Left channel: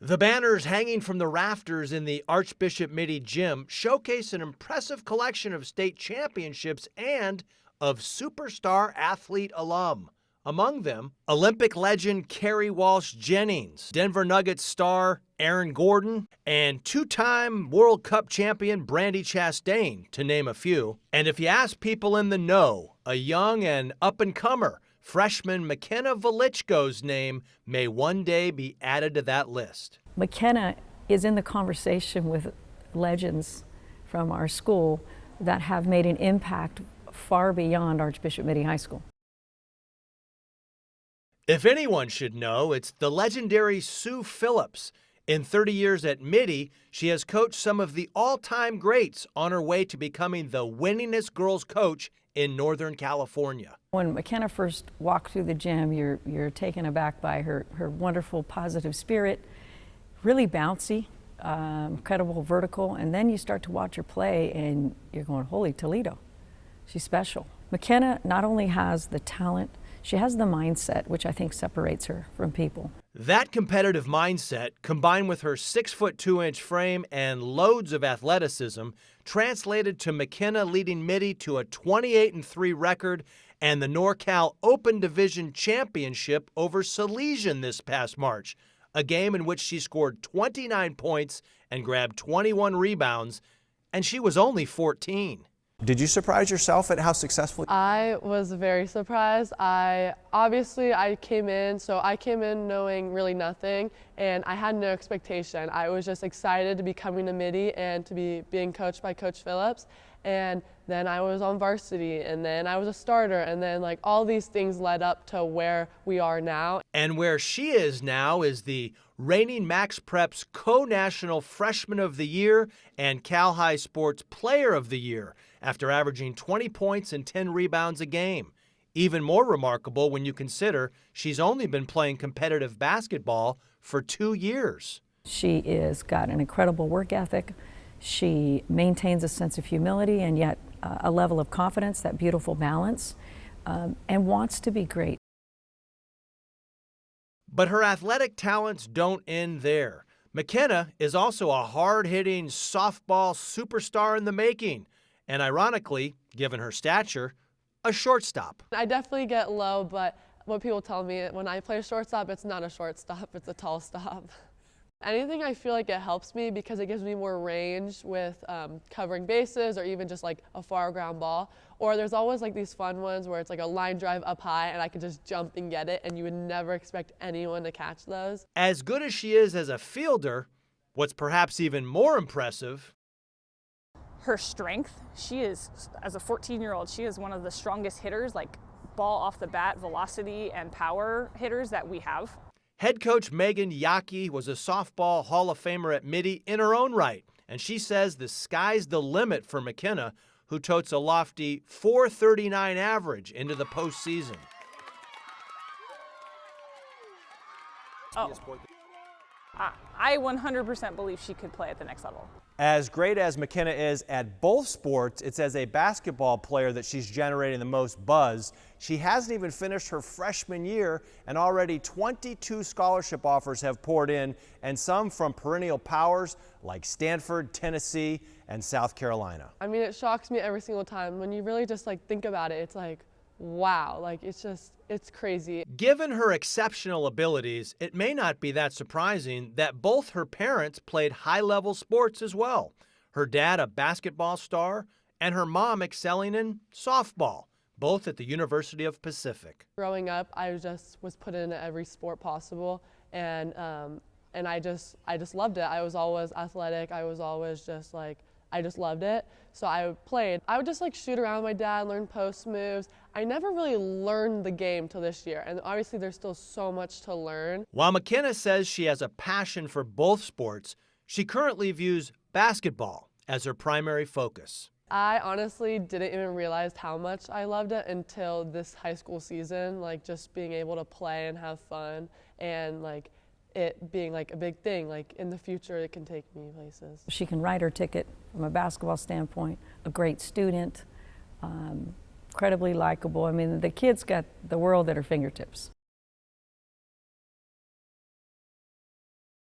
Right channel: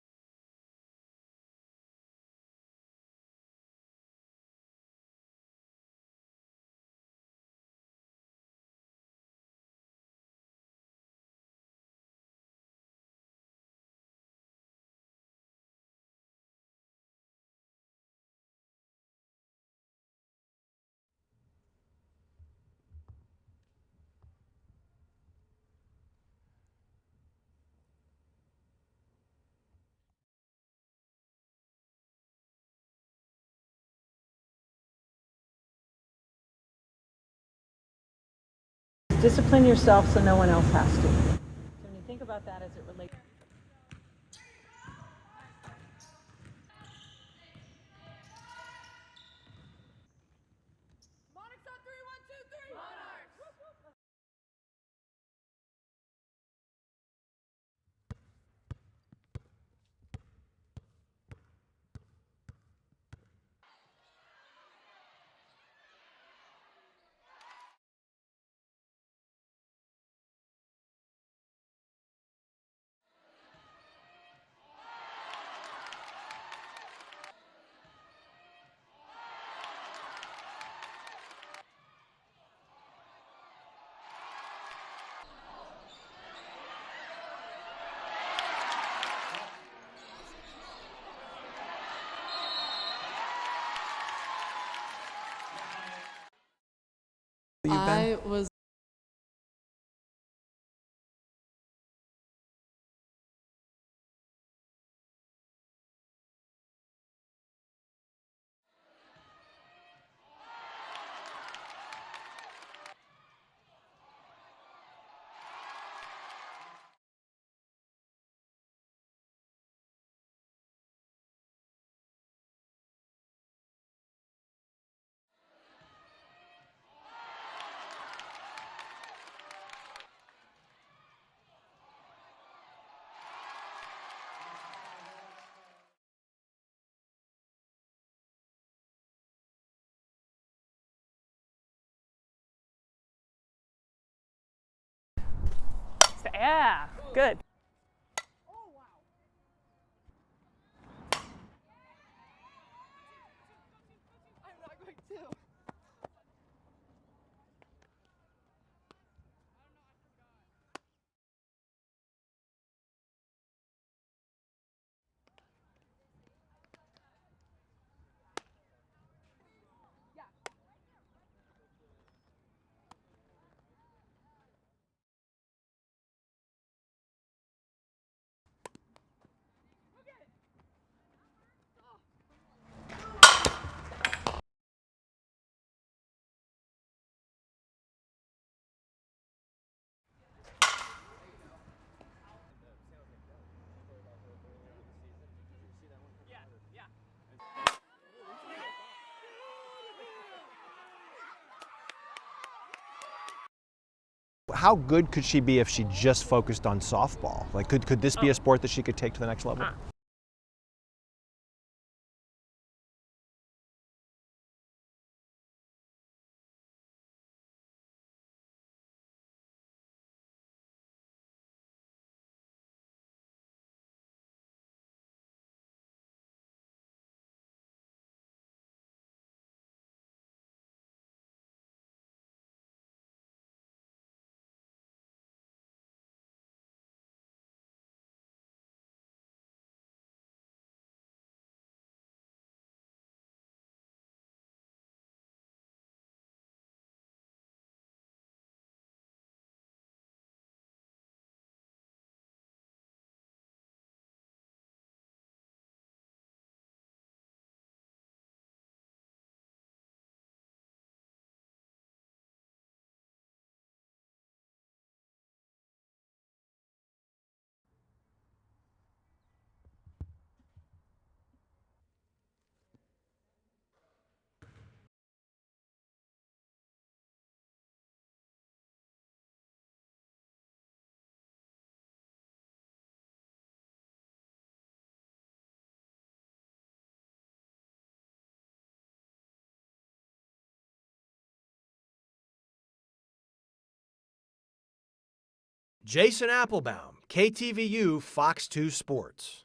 The banners hanging from the rafters in the Archbishop Mitty Gym showcase an impressive collection of state championships and of superstar athlete alum. Among them, Olympic legend Kerry Walsh Jennings, Denver Nuggets star Aaron Gordon, and two-time World Cup champion Brandi Chastain, to name a few. And if you ask people in the know, a young and up-and-comer, freshman McKenna Woliczko's name may one day be added to that list. McKenna is in the conversation with legends from our school that have made an impact far beyond Archbishop Mitty High School. Discipline yourself so no one else has to. If anyone should know, it's the legendary Sue Phillips. In 30 years at Mitty, she has coached some of the all-time greats on her way to becoming the winningest girls coach in Northern California. When McKenna first walked through the gym, you're taken aback by her wonderful positive spirit, really bouncy, incredible vertical, and then you start to watch her play and you're going, holy Toledo, she's special. McKenna not only has the talent, she has the mindset, which I think separates her from people. That competitive mindset, combined with her 6'2" frame and loads of athleticism, translated to McKenna leading Mitty to a 28-3 record and the NorCal Open Division Championship over Salesian this past March, a game in which she scored 29 points and grabbed 21 rebounds, and she was only 14. Did you surprise yourself at how successful you've been? I was very surprised. I came in knowing really nothing, and I had no expectation. I was just excited to be coming to Mitty and to be being coached by Coach Phillips. And then I was on varsity, and then I was a starter, and then like all these things led up to where we are now. And where she is now is the reigning Max Preps Co-National Freshman of the Year and Cal High Sports Player of the Year, after averaging 20 points and 10 rebounds a game. Even more remarkable when you consider she's only been playing competitive basketball for 2 years. She is got an incredible work ethic. She maintains a sense of humility and yet a level of confidence, that beautiful balance, and wants to be great. Yeah, good. But her athletic talents don't end there. McKenna is also a hard-hitting softball superstar in the making, and ironically, given her stature, a shortstop. I definitely get low, but what people tell me, when I play shortstop, it's not a shortstop, it's a tall stop. Anything I feel like it helps me because it gives me more range with covering bases or even just like a far ground ball. Or there's always like these fun ones where it's like a line drive up high and I can just jump and get it, and you would never expect anyone to catch those. As good as she is as a fielder, what's perhaps even more impressive, Her strength, she is, as a 14-year-old, she is one of the strongest hitters, like ball off the bat, velocity and power hitters that we have. Head coach Megan Yaki was a softball Hall of Famer at Mitty in her own right, and she says the sky's the limit for McKenna, who totes a lofty .439 average into the postseason. How good could she be if she just focused on softball? Like, could this be a sport that she could take to the next level? I 100% believe she could play at the next level. As great as McKenna is at both sports, it's as a basketball player that she's generating the most buzz. She hasn't even finished her freshman year, and already 22 scholarship offers have poured in, and some from perennial powers like Stanford, Tennessee, and South Carolina. I mean, it shocks me every single time. When you really just like think about it, it's like, wow, like it's crazy. Given her exceptional abilities, it may not be that surprising that both her parents played high-level sports as well. Her dad a basketball star, and her mom excelling in softball, both at the University of Pacific. Growing up, I just was put into every sport possible, and I just loved it. I was always athletic. I was always just like, I just loved it. So I played. I would just like shoot around with my dad, learn post moves. I never really learned the game till this year, and obviously there's still so much to learn. While McKenna says she has a passion for both sports, she currently views basketball as her primary focus. I honestly didn't even realize how much I loved it until this high school season, like just being able to play and have fun, and like it being like a big thing, like in the future it can take me places. She can write her ticket from a basketball standpoint, a great student, incredibly likable. I mean, the kid's got the world at her fingertips. Jason Applebaum, KTVU, Fox 2 Sports.